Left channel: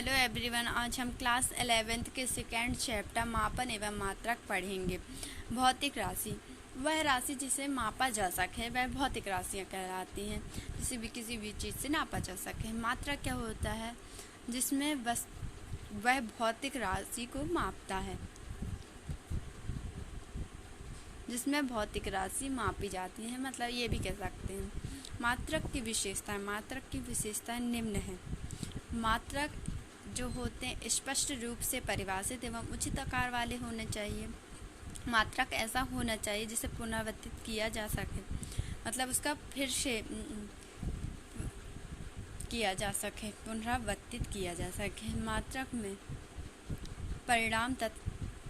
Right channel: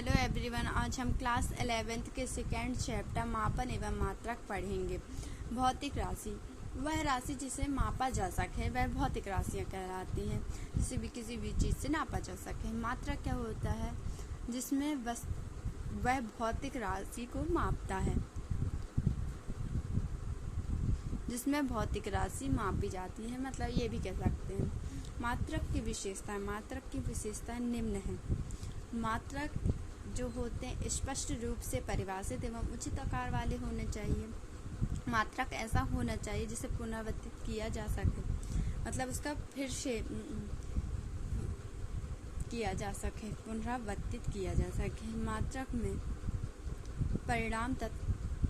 Hello everyone, आज हम class 11th के सेकेंड चैप्टर मापन एवं मात्रक पढ़ेंगे। भौतिक राशि वह राशि जिसे मापा जा सके वह भौतिक राशियाँ कहलाती हैं। जिसे भी किसी भी चीज़ से नापा जा सके। मात्रक क्या होता है? जिसमें वह भौतिक राशि को मापता है, जिसमें भौतिक राशि मापी जाती है। मतलब ये भी कह सकते हैं। मात्रक की विशेषताएं निम्न हैं। मात्रक जो होते हैं स्पष्ट रूप से परिभाषित एवं उचित आकार वाले होने चाहिए। मात्रक ऐसा होना चाहिए जिसे पुनरावर्तित किया जा सके, मतलब उसका फिर से किया जा सके, पुनरावर्तित किया जा सके। मात्रक में परिणाम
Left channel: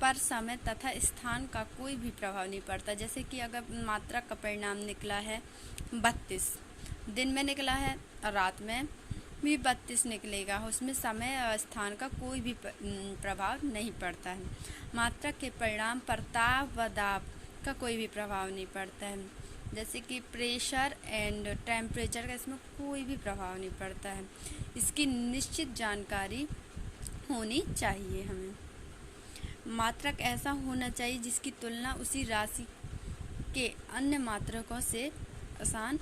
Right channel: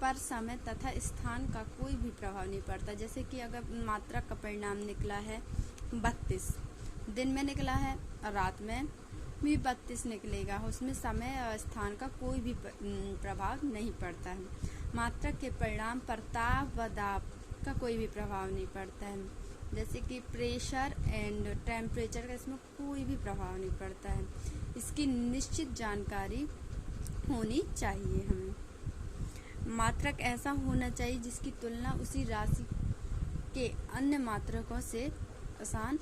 पर समय तथा स्थान का कोई भी प्रभाव नहीं पड़ता। जैसे कि अगर मात्रक का परिणाम निकला है 32, दिन में निकला है और रात में भी 32 निकलेगा, उसमें समय और स्थान का कोई भी प्रभाव नहीं पड़ता है। मात्रक के परिणाम पर ताप व दाब का कोई भी प्रभाव नहीं पड़ता है। जैसे कि प्रेशर एंड टेम्परेचर का इसमें कोई भी प्रभाव नहीं पड़ता है। इसकी निश्चित जानकारी होनी चाहिए हमें। मात्रक ऐसा होना चाहिए जिसकी तुलना उसी राशि के अन्य मात्रकों से आसान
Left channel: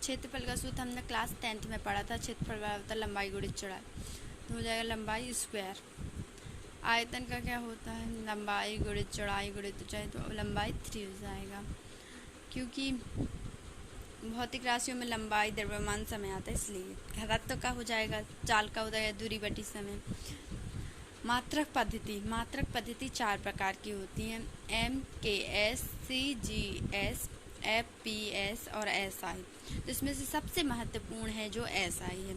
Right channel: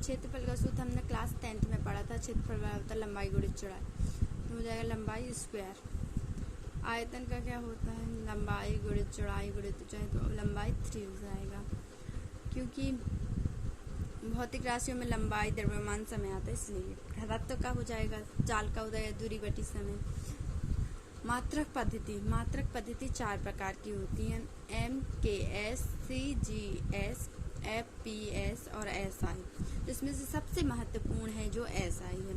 क्षेत्रफल का सूत्र हमने क्लास 10th में पढ़ा था। क्षेत्रफल होता है लंबाई गुणित चौड़ाई, तो हो जाएगा लंबाई स्क्वायर। आयतन का क्या होता है? लंबाई गुणित चौड़ाई गुणित ऊंचाई, तो लंबाई 3 हो जाएगा। क्योंकि भौतिक राशियों में लंबाई द्रव्यमान समय आता है, इसलिए घनत्व का हो जाएगा चाल का हो जाएगा दूरी बटी समय। मात्रक पद्धति 4 प्रकार की होती हैं। MKS, CGS, FPS और SI, जिसमें से सबसे महत्वपूर्ण है जो SI है।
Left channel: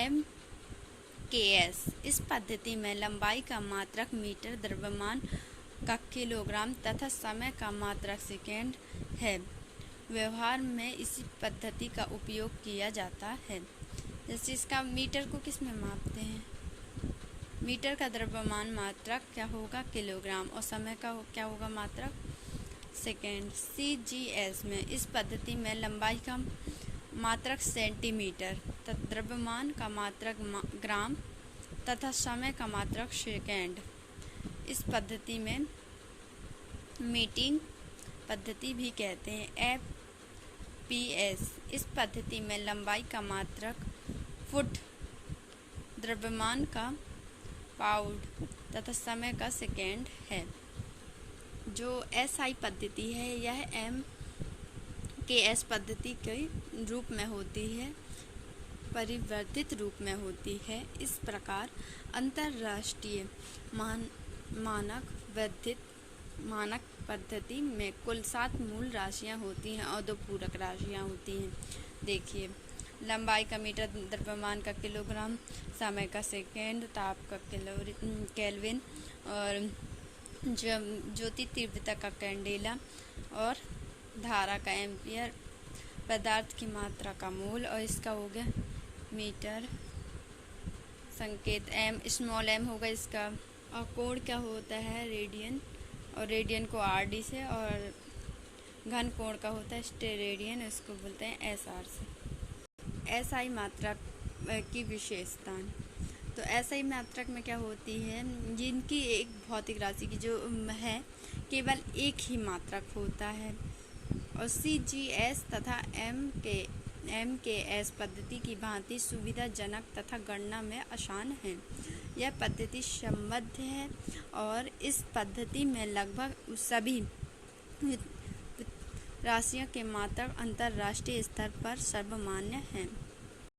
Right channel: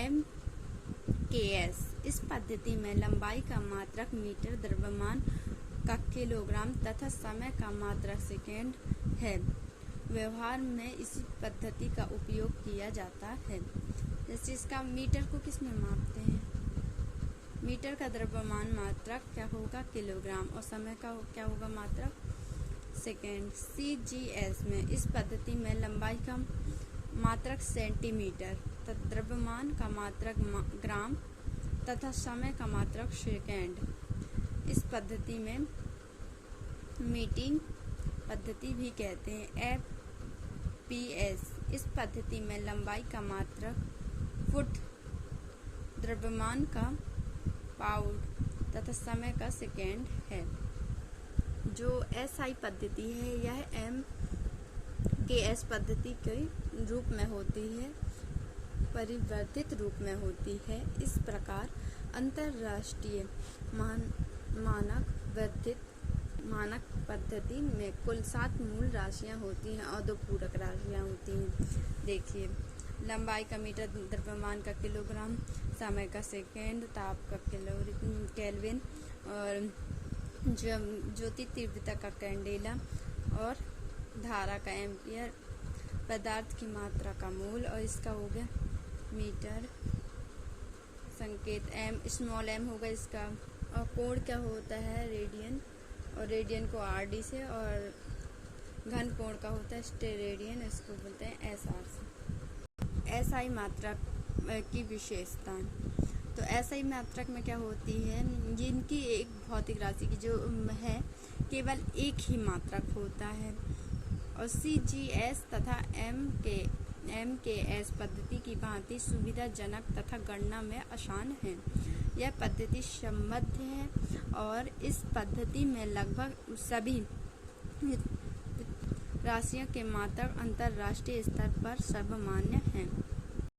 MKS इस पद्धति में लंबाई का मात्रक मीटर, द्रव्यमान का किलोग्राम तथा समय का मात्रक सेकेंड है। व्यवहार में इसी पद्धति का उपयोग किया जाता है। जैसे इसका मीटर को किस में मापते हैं? मीटर का द्रव्यमान मात्रक क्या होगा? किलोग्राम, और समय का क्या होगा? मात्रक सेकेंड। CGS में इस पद्धति में लंबाई का मात्रक सेंटीमीटर तथा द्रव्यमान का मात्रक ग्राम तथा समय का मात्रक सेकेंड। इस पद्धति में मीटिंग पद्धति भी कहते हैं। FPS इस पद्धति में लंबाई का मात्रक फुट, द्रव्यमान का पाउंड तथा समय का सेकेंड है। जो SI पद्धति है यह MKS पद्धति के रूप में होती है, परिवर्तित रूप में होती है। इस प्रकार अंतर्राष्ट्रीय मानक पद्धति में कुल 7 मूल राशियां होती हैं और 2 पूरक राशियां होती हैं। देखिए, लंबाई का मीटर, द्रव्यमान का किलोग्राम, समय का सेकेंड, ताप का केल्विन और ज्योति तीव्रता का कैंडेला और धारा का एम्पियर, पदार्थ की मात्रा का मोल, और इसका हो गया मीटर, संकेत स्मॉल m होगा इसका। और कोण क्या होता है? रेडियन, और रेडियन को RD से, और घन कोण का होता है स्टेरेडियन, इसको बोलते हैं SR से। SI मात्रक की विशेषताएं। तो SI मात्रक में क्या होती है? जिनकी एक भौतिक राशि की जो है केवल एक ही मात्रक होता है। और CGS तथा MKS पद्धति की भांति सुविधाजनक तथा गणना में आसान है। यह पद्धति संबद्ध है और इस पद्धति में लगभग सभी राशियों के मात्रक अंतर्राष्ट्रीय स्तर पर सर्वमान्य हैं।